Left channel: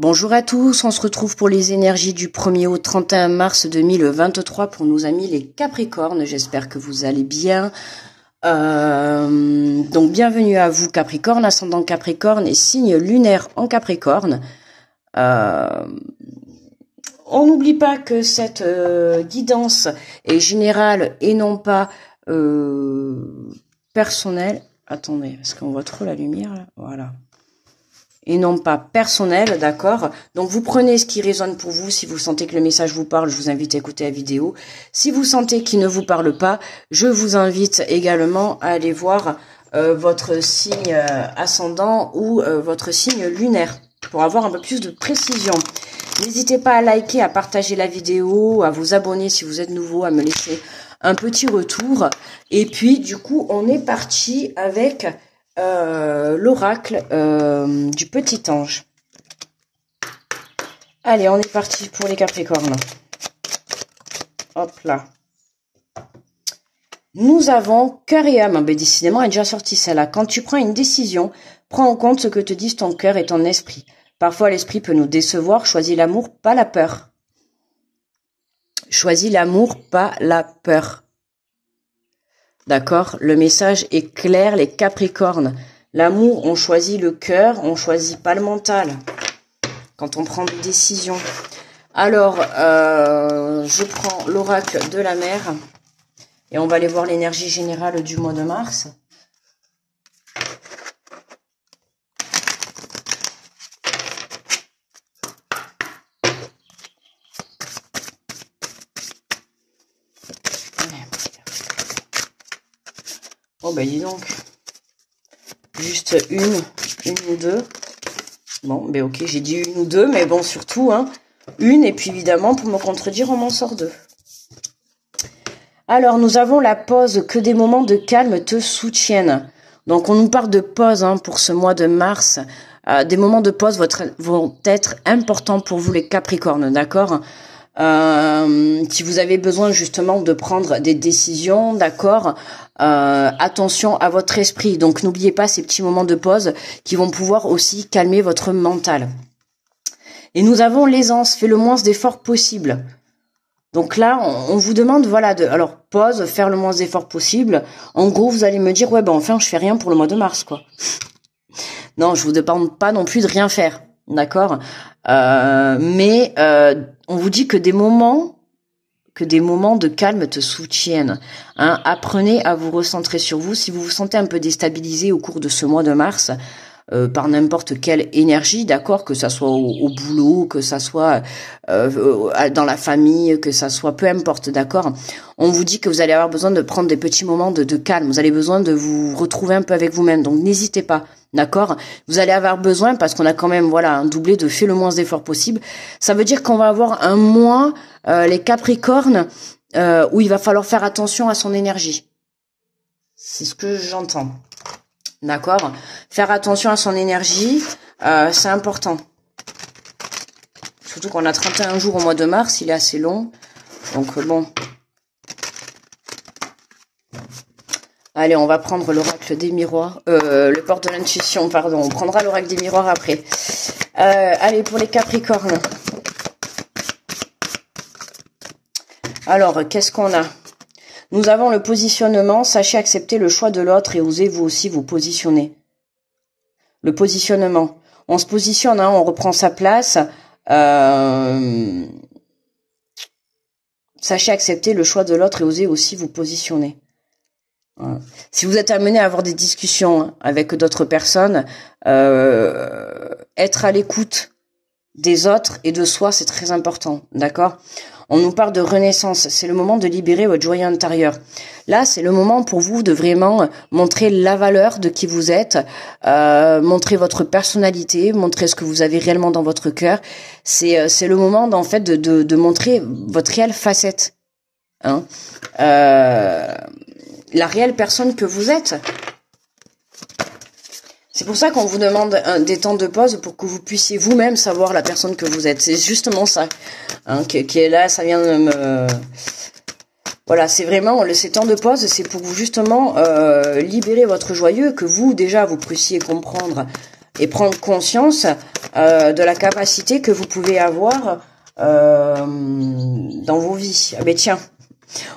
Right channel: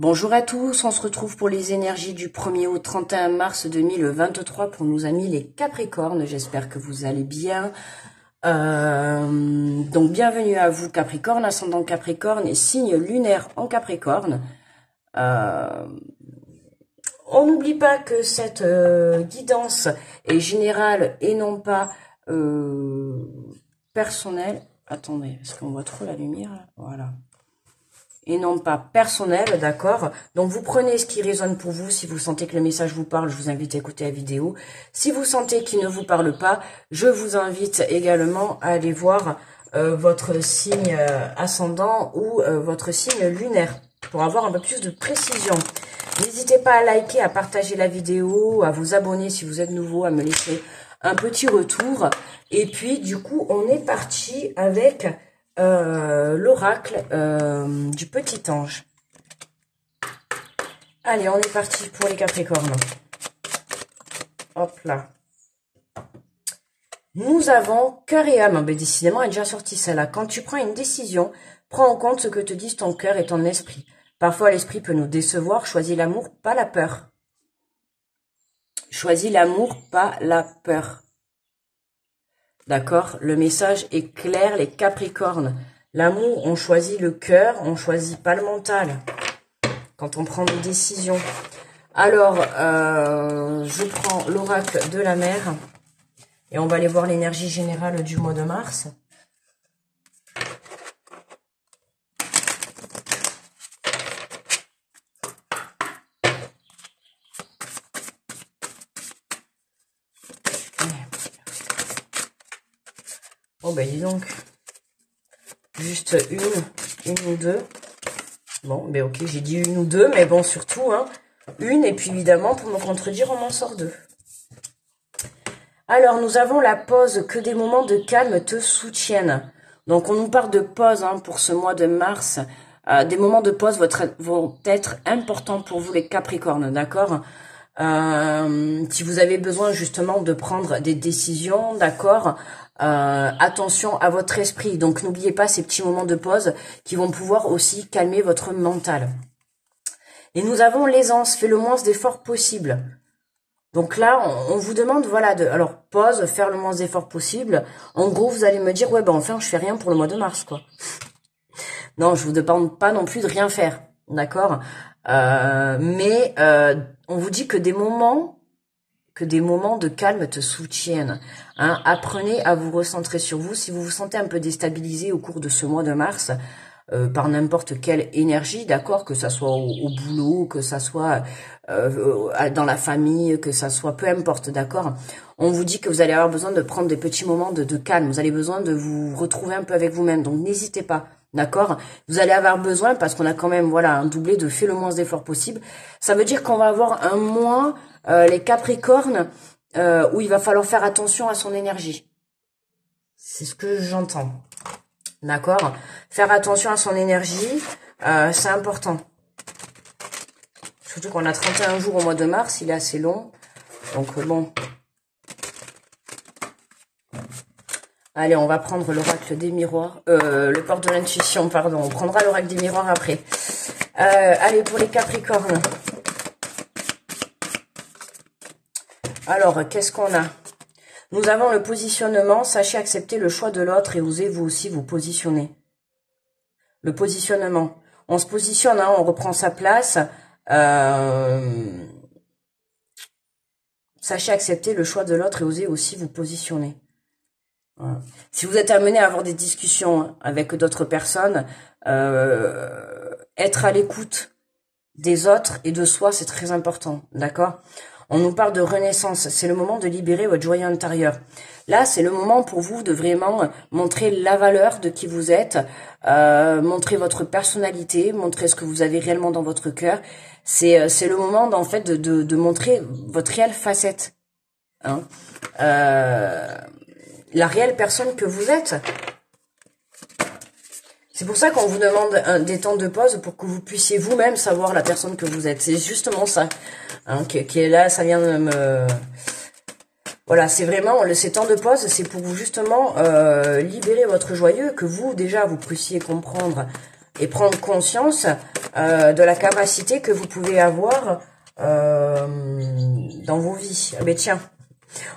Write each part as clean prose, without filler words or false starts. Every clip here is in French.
Bonjour à tous, on se retrouve pour les énergies du 1er au 31 mars 2023 pour nos amis les Capricornes. J'espère que vous allez bien. Donc bienvenue à vous Capricorne, ascendant Capricorne et signe lunaire en Capricorne. On n'oublie pas que cette guidance est générale et non pas personnelle. Attendez, est-ce qu'on voit trop la lumière là? Voilà. Et non pas personnel, d'accord? Donc vous prenez ce qui résonne pour vous. Si vous sentez que le message vous parle, je vous invite à écouter la vidéo. Si vous sentez qu'il ne vous parle pas, je vous invite également à aller voir votre signe ascendant ou votre signe lunaire pour avoir un peu plus de précision. N'hésitez pas à liker, à partager la vidéo, à vous abonner si vous êtes nouveau, à me laisser un petit retour. Et puis du coup, on est parti avec l'oracle du petit ange. Allez, on est parti pour les Capricornes. Hop là. Nous avons cœur et âme. Ben, décidément, elle est déjà sortie celle-là. Quand tu prends une décision, prends en compte ce que te disent ton cœur et ton esprit. Parfois, l'esprit peut nous décevoir. Choisis l'amour, pas la peur. Choisis l'amour, pas la peur. D'accord? Le message est clair, les Capricornes. L'amour, on choisit le cœur, on choisit pas le mental. Quand on prend des décisions. Alors, je prends l'oracle de la mer. Et on va aller voir l'énergie générale du mois de mars. Oh ben dis donc. Juste une ou deux. Bon, ben ok, j'ai dit une ou deux, mais bon, surtout, hein, une, et puis évidemment, pour me contredire, on m'en sort deux. Alors, nous avons la pause, que des moments de calme te soutiennent. Donc, on nous parle de pause hein, pour ce mois de mars. Des moments de pause vont être importants pour vous, les Capricornes, d'accord? Si vous avez besoin justement de prendre des décisions, d'accord, attention à votre esprit. Donc n'oubliez pas ces petits moments de pause qui vont pouvoir aussi calmer votre mental. Et nous avons l'aisance, fais le moins d'efforts possible. Donc là, on vous demande, voilà, alors pause, faire le moins d'efforts possible. En gros, vous allez me dire, ouais, ben enfin, je fais rien pour le mois de mars, quoi. Non, je vous demande pas non plus de rien faire, d'accord? Mais on vous dit que des moments de calme te soutiennent. Hein. Apprenez à vous recentrer sur vous. Si vous vous sentez un peu déstabilisé au cours de ce mois de mars, par n'importe quelle énergie, d'accord, que ça soit au boulot, que ça soit dans la famille, que ça soit peu importe, d'accord. On vous dit que vous allez avoir besoin de prendre des petits moments de calme. Vous allez besoin de vous retrouver un peu avec vous-même. Donc n'hésitez pas, d'accord. Vous allez avoir besoin parce qu'on a quand même voilà un doublé de fait le moins d'efforts possible. Ça veut dire qu'on va avoir un mois les Capricornes où il va falloir faire attention à son énergie. C'est ce que j'entends. D'accord? Faire attention à son énergie, c'est important. Surtout qu'on a 31 jours au mois de mars, il est assez long. Donc bon. Allez, on va prendre l'oracle des miroirs. Le porte de l'intuition, pardon. On prendra l'oracle des miroirs après. Allez, pour les Capricornes. Alors, qu'est-ce qu'on a? Nous avons le positionnement. Sachez accepter le choix de l'autre et osez vous aussi vous positionner. Le positionnement. On se positionne, hein, on reprend sa place. Sachez accepter le choix de l'autre et osez aussi vous positionner. Voilà. Si vous êtes amené à avoir des discussions avec d'autres personnes, être à l'écoute des autres et de soi, c'est très important, d'accord? On nous parle de renaissance, c'est le moment de libérer votre joyau intérieur. Là, c'est le moment pour vous de vraiment montrer la valeur de qui vous êtes, montrer votre personnalité, montrer ce que vous avez réellement dans votre cœur. C'est le moment, en fait, de montrer votre réelle facette, hein, la réelle personne que vous êtes. C'est pour ça qu'on vous demande des temps de pause pour que vous puissiez vous-même savoir la personne que vous êtes. C'est justement ça hein, qui est là, ça vient de me... Voilà, c'est vraiment, ces temps de pause, c'est pour vous justement libérer votre joyeux, que vous, déjà, vous puissiez comprendre et prendre conscience de la capacité que vous pouvez avoir dans vos vies. Ah ben tiens,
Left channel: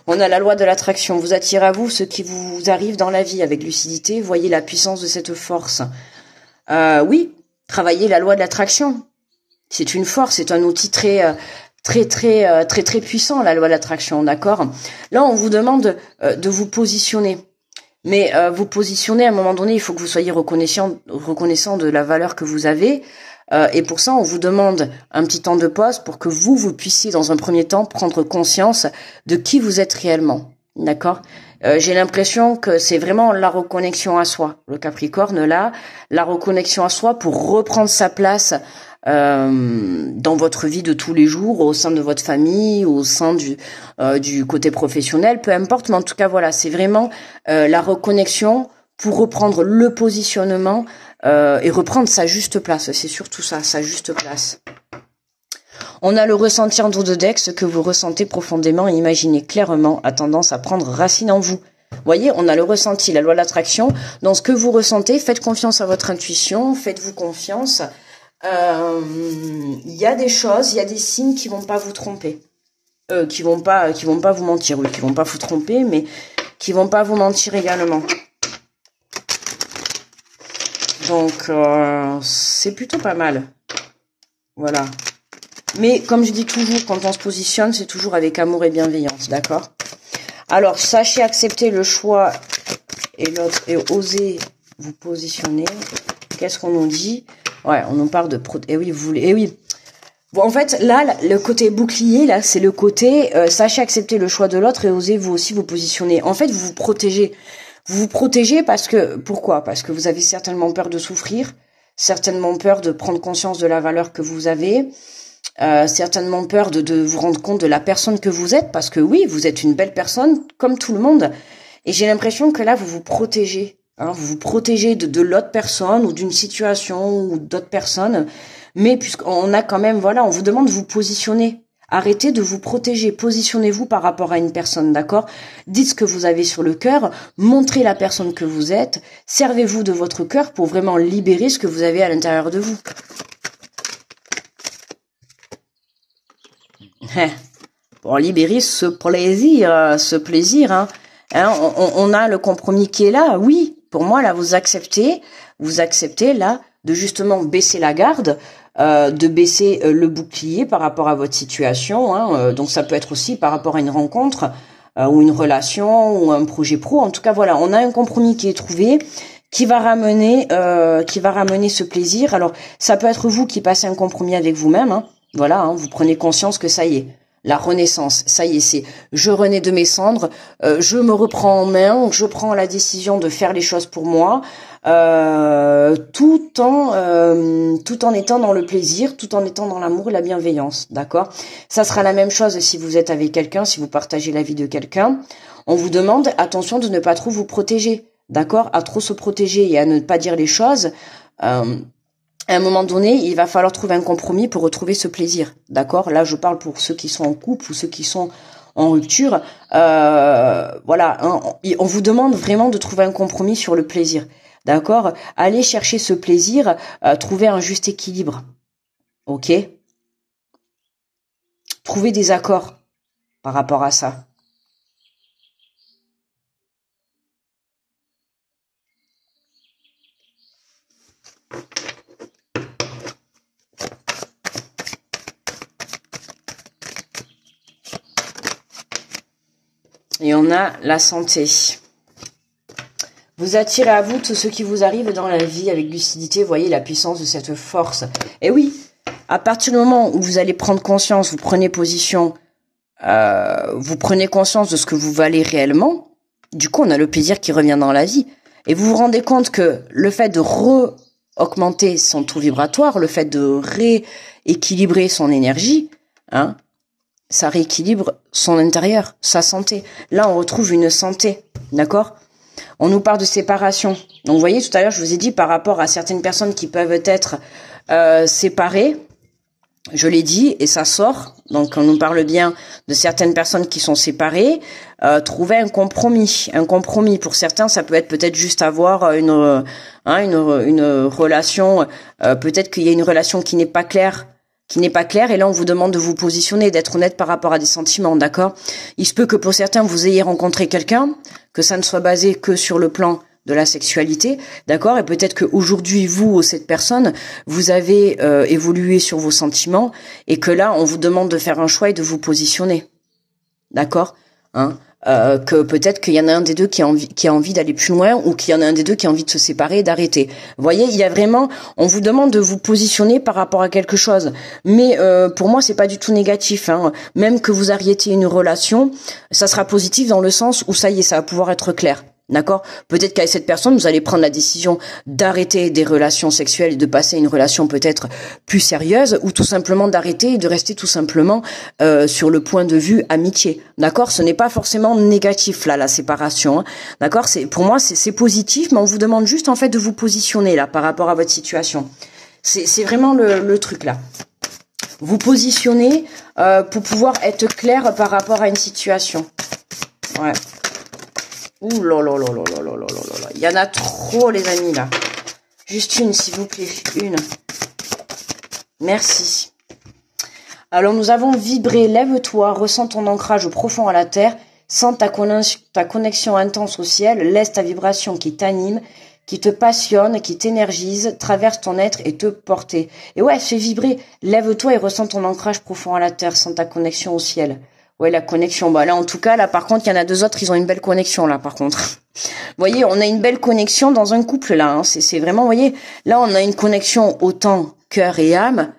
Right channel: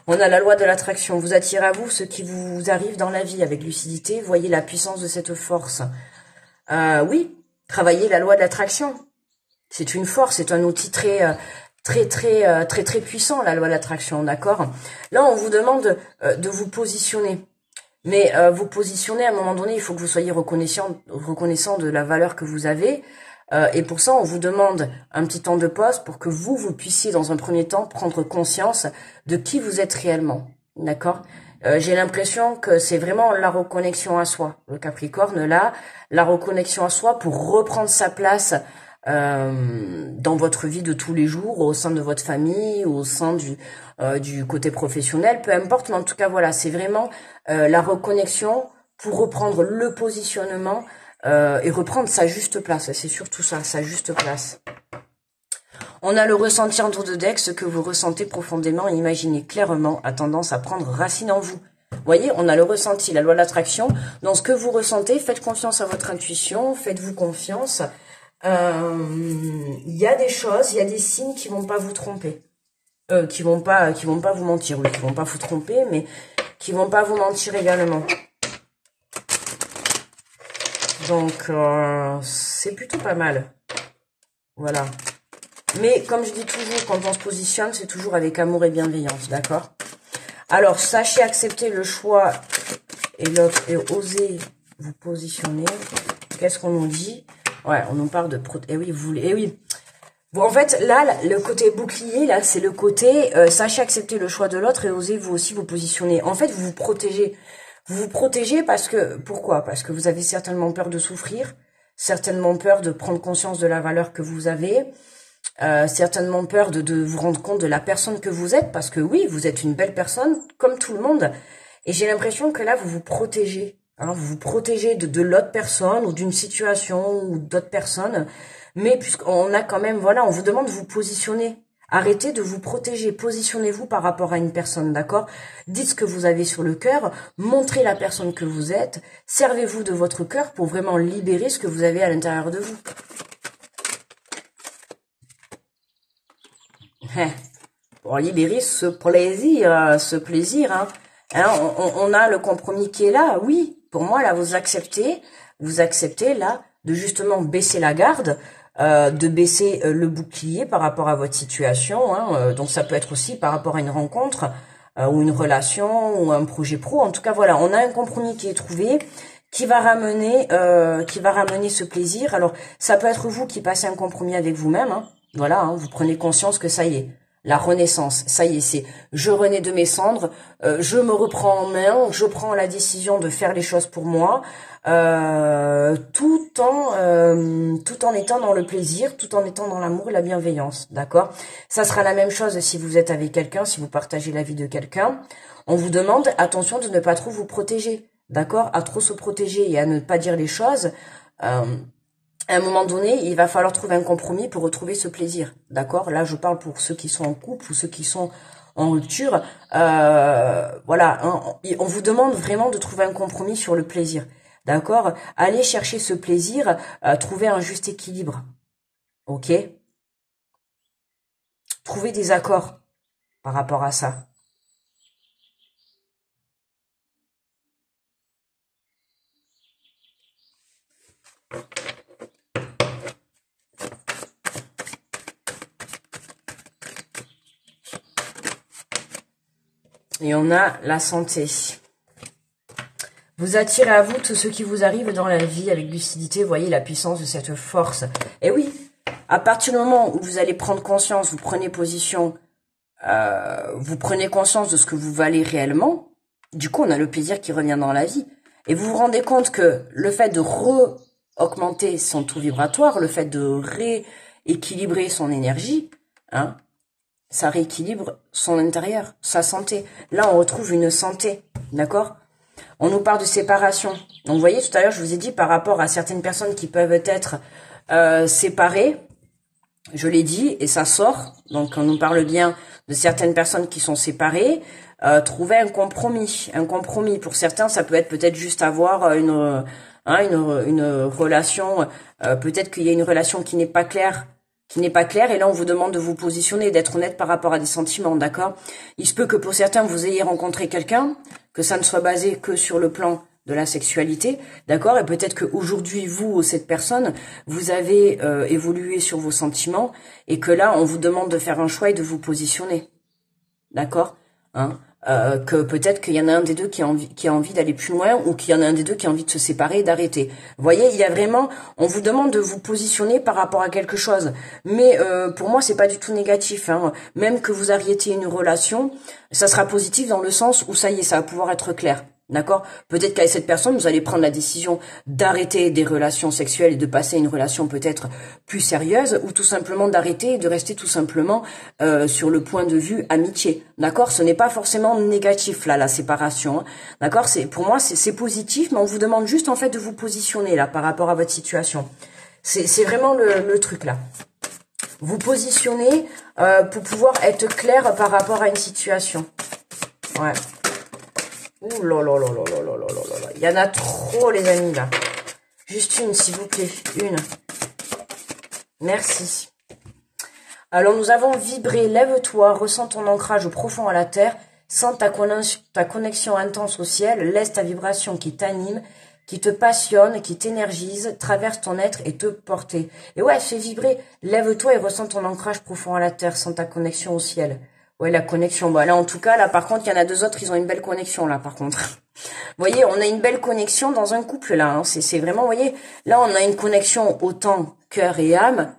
on a la loi de l'attraction. Vous attirez à vous ce qui vous arrive dans la vie avec lucidité. Voyez la puissance de cette force. Oui, travaillez la loi de l'attraction. C'est une force, c'est un outil très puissant, la loi de l'attraction, d'accord? Là, on vous demande de vous positionner. Mais vous positionner, à un moment donné, il faut que vous soyez reconnaissant de la valeur que vous avez. Et pour ça, on vous demande un petit temps de pause pour que vous puissiez, dans un premier temps, prendre conscience de qui vous êtes réellement. D'accord? J'ai l'impression que c'est vraiment la reconnexion à soi. Le Capricorne, là, la reconnexion à soi pour reprendre sa place dans votre vie de tous les jours, au sein de votre famille, au sein du côté professionnel, peu importe, mais en tout cas voilà, c'est vraiment la reconnexion pour reprendre le positionnement et reprendre sa juste place, c'est surtout ça, sa juste place. On a le ressenti en dos de deck, ce que vous ressentez profondément et imaginez clairement a tendance à prendre racine en vous. Vous voyez, on a le ressenti, la loi de l'attraction. Dans ce que vous ressentez, faites confiance à votre intuition, faites-vous confiance. Il y a des choses, il y a des signes qui vont pas vous tromper, qui vont pas vous mentir, oui, qui vont pas vous tromper, mais qui vont pas vous mentir également. Donc c'est plutôt pas mal, voilà. Mais comme je dis toujours, quand on se positionne, c'est toujours avec amour et bienveillance, d'accord? Alors sachez accepter le choix et l'autre et osez vous positionner. Qu'est-ce qu'on nous dit? Ouais, on nous parle de... Eh oui, vous voulez... Eh oui. Bon, en fait, là, le côté bouclier, là, c'est le côté... sachez accepter le choix de l'autre et osez vous aussi vous positionner. En fait, vous vous protégez. Vous vous protégez parce que... Pourquoi? Parce que vous avez certainement peur de souffrir, certainement peur de prendre conscience de la valeur que vous avez, certainement peur de vous rendre compte de la personne que vous êtes, parce que oui, vous êtes une belle personne, comme tout le monde. Et j'ai l'impression que là, vous vous protégez. Hein, vous vous protégez de l'autre personne ou d'une situation ou d'autres personnes. Mais puisqu'on a quand même, voilà, on vous demande de vous positionner. Arrêtez de vous protéger. Positionnez-vous par rapport à une personne, d'accord? Dites ce que vous avez sur le cœur. Montrez la personne que vous êtes. Servez-vous de votre cœur pour vraiment libérer ce que vous avez à l'intérieur de vous. Pour libérer ce plaisir, hein. Hein, on a le compromis qui est là, oui. Pour moi, là, vous acceptez là de justement baisser la garde, de baisser le bouclier par rapport à votre situation. Hein, donc ça peut être aussi par rapport à une rencontre ou une relation ou un projet pro. En tout cas, voilà, on a un compromis qui est trouvé, qui va ramener ce plaisir. Alors, ça peut être vous qui passez un compromis avec vous-même. Hein, voilà, hein, vous prenez conscience que ça y est. La renaissance, ça y est, c'est je renais de mes cendres, je me reprends en main, je prends la décision de faire les choses pour moi, tout en étant dans le plaisir, tout en étant dans l'amour et la bienveillance, d'accord? Ça sera la même chose si vous êtes avec quelqu'un, si vous partagez la vie de quelqu'un. On vous demande, attention, de ne pas trop vous protéger, d'accord? À trop se protéger et à ne pas dire les choses. À un moment donné, il va falloir trouver un compromis pour retrouver ce plaisir, d'accord? Là, je parle pour ceux qui sont en couple ou ceux qui sont en rupture. Voilà, hein, on vous demande vraiment de trouver un compromis sur le plaisir, d'accord? Allez chercher ce plaisir, trouver un juste équilibre, ok? Trouver des accords par rapport à ça. Et on a la santé. Vous attirez à vous tout ce qui vous arrive dans la vie avec lucidité. Voyez la puissance de cette force. Et oui, à partir du moment où vous allez prendre conscience, vous prenez position, vous prenez conscience de ce que vous valez réellement, du coup, on a le plaisir qui revient dans la vie. Et vous vous rendez compte que le fait de augmenter son taux vibratoire, le fait de rééquilibrer son énergie, hein, ça rééquilibre son intérieur, sa santé. Là, on retrouve une santé, d'accord? On nous parle de séparation. Donc, vous voyez, tout à l'heure, je vous ai dit par rapport à certaines personnes qui peuvent être séparées, Je l'ai dit, et ça sort, donc on nous parle bien de certaines personnes qui sont séparées, trouver un compromis. Un compromis, pour certains, ça peut être peut-être juste avoir une relation, peut-être qu'il y a une relation qui n'est pas claire, et là on vous demande de vous positionner, d'être honnête par rapport à des sentiments, d'accord? Il se peut que pour certains, vous ayez rencontré quelqu'un, que ça ne soit basé que sur le plan de la sexualité, d'accord? Et peut-être qu'aujourd'hui, vous ou cette personne, vous avez évolué sur vos sentiments et que là, on vous demande de faire un choix et de vous positionner, d'accord? Hein? Que peut-être qu'il y en a un des deux qui a envie d'aller plus loin ou qu'il y en a un des deux qui a envie de se séparer et d'arrêter. Vous voyez, il y a vraiment, on vous demande de vous positionner par rapport à quelque chose. Mais pour moi, c'est pas du tout négatif. Hein. Même que vous arrêtiez une relation, ça sera positif dans le sens où ça y est, ça va pouvoir être clair. D'accord? Peut-être qu'avec cette personne, vous allez prendre la décision d'arrêter des relations sexuelles et de passer à une relation peut-être plus sérieuse, ou tout simplement d'arrêter et de rester tout simplement sur le point de vue amitié. D'accord? Ce n'est pas forcément négatif là, la séparation. Hein. D'accord? Pour moi, c'est positif, mais on vous demande juste en fait de vous positionner là par rapport à votre situation. C'est vraiment le truc là. Vous positionner pour pouvoir être clair par rapport à une situation. Ouais. Ouh là là là là là là là là là. Il y en a trop, les amis, là. Juste une, s'il vous plaît. Une. Merci. Alors, nous avons vibré. Lève-toi, ressens ton ancrage profond à la terre. Sens ta connexion intense au ciel. Laisse ta vibration qui t'anime, qui te passionne, qui t'énergise, traverse ton être et te porter. Et ouais, fais vibrer. Lève-toi et ressens ton ancrage profond à la terre. Sens ta connexion au ciel. Ouais, la connexion. Bah là, en tout cas, là, par contre, il y en a deux autres, ils ont une belle connexion, là, par contre. Vous voyez, on a une belle connexion dans un couple, là. Hein. C'est vraiment, vous voyez, là, on a une connexion autant cœur et âme,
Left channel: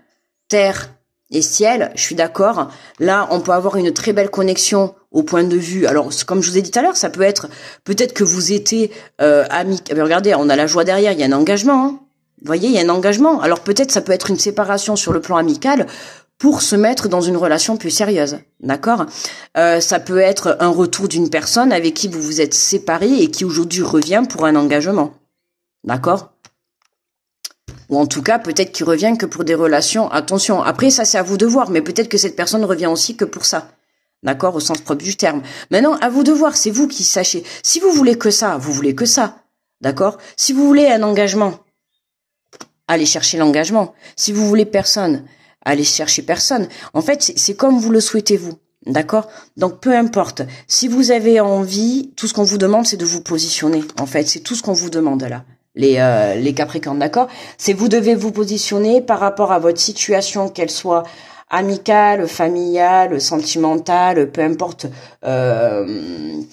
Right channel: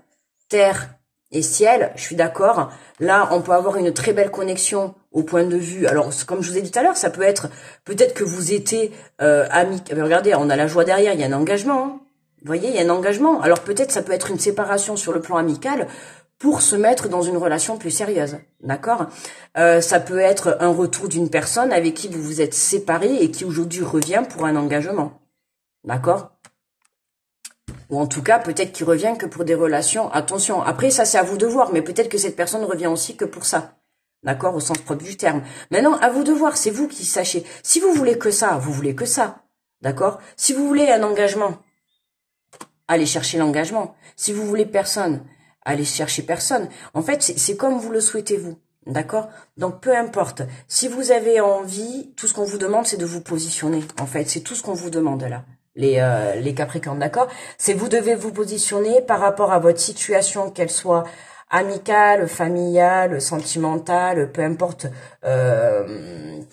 terre et ciel, je suis d'accord. Là, on peut avoir une très belle connexion au point de vue. Alors, comme je vous ai dit tout à l'heure, ça peut être, peut-être que vous étiez amis. Regardez, on a la joie derrière, il y a un engagement. Hein. Vous voyez, il y a un engagement. Alors, peut-être, ça peut être une séparation sur le plan amical, pour se mettre dans une relation plus sérieuse, d'accord? Ça peut être un retour d'une personne avec qui vous vous êtes séparés et qui aujourd'hui revient pour un engagement, d'accord? Ou en tout cas, peut-être qu'il revient que pour des relations, attention, après ça c'est à vous de voir, mais peut-être que cette personne revient aussi que pour ça, d'accord? Au sens propre du terme. Maintenant, à vous de voir, c'est vous qui sachez. Si vous voulez que ça, vous voulez que ça, d'accord? Si vous voulez un engagement, allez chercher l'engagement. Si vous voulez personne, allez chercher personne. En fait, c'est comme vous le souhaitez vous. D'accord? Donc, peu importe. Si vous avez envie, tout ce qu'on vous demande, c'est de vous positionner. En fait, c'est tout ce qu'on vous demande là. Les Capricornes, d'accord? C'est vous devez vous positionner par rapport à votre situation, qu'elle soit amicale, familiale, sentimentale, peu importe, une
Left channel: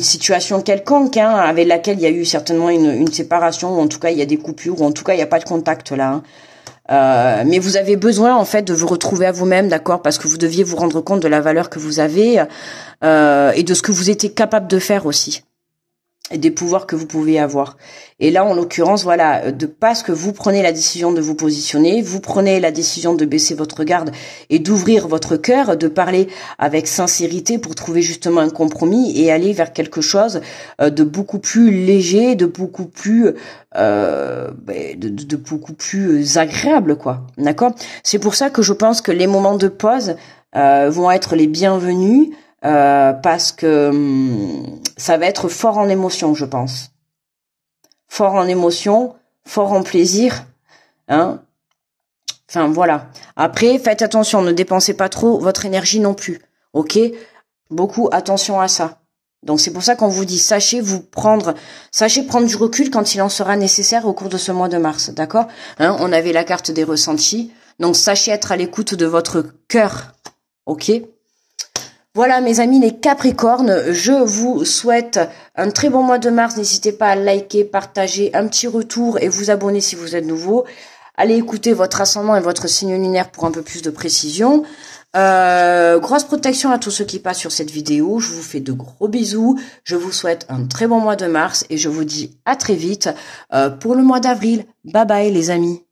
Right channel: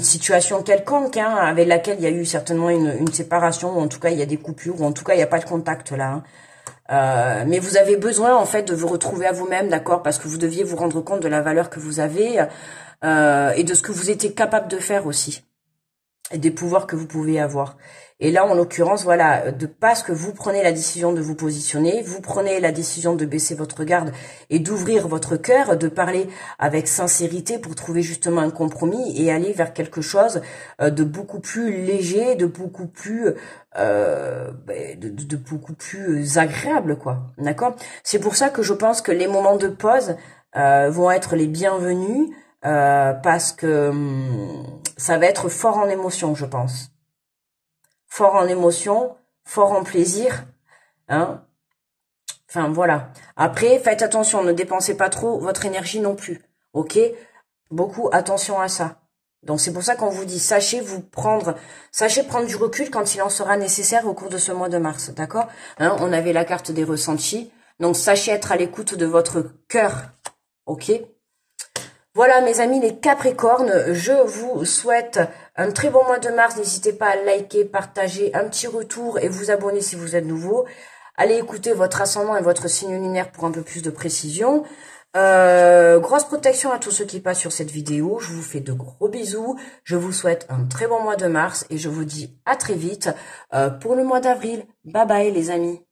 situation quelconque, hein, avec laquelle il y a eu certainement une séparation, ou en tout cas il y a des coupures, ou en tout cas il n'y a pas de contact là. Hein. Mais vous avez besoin en fait de vous retrouver à vous-même, d'accord, parce que vous deviez vous rendre compte de la valeur que vous avez et de ce que vous étiez capable de faire aussi, et des pouvoirs que vous pouvez avoir. Et là, en l'occurrence, voilà, parce que vous prenez la décision de vous positionner, vous prenez la décision de baisser votre garde et d'ouvrir votre cœur, de parler avec sincérité pour trouver justement un compromis et aller vers quelque chose de beaucoup plus léger, de beaucoup plus de beaucoup plus agréable, quoi. D'accord? C'est pour ça que je pense que les moments de pause vont être les bienvenus. Parce que ça va être fort en émotion, je pense. Fort en émotion, fort en plaisir. Hein. Enfin, voilà. Après, faites attention, ne dépensez pas trop votre énergie non plus. Ok? Beaucoup attention à ça. Donc, c'est pour ça qu'on vous dit, sachez prendre du recul quand il en sera nécessaire au cours de ce mois de mars. D'accord? Hein, on avait la carte des ressentis. Donc, sachez être à l'écoute de votre cœur. Ok? Voilà mes amis les Capricornes, je vous souhaite un très bon mois de mars. N'hésitez pas à liker, partager, un petit retour et vous abonner si vous êtes nouveau. Allez écouter votre ascendant et votre signe lunaire pour un peu plus de précision. Grosse protection à tous ceux qui passent sur cette vidéo. Je vous fais de gros bisous. Je vous souhaite un très bon mois de mars et je vous dis à très vite pour le mois d'avril. Bye bye les amis.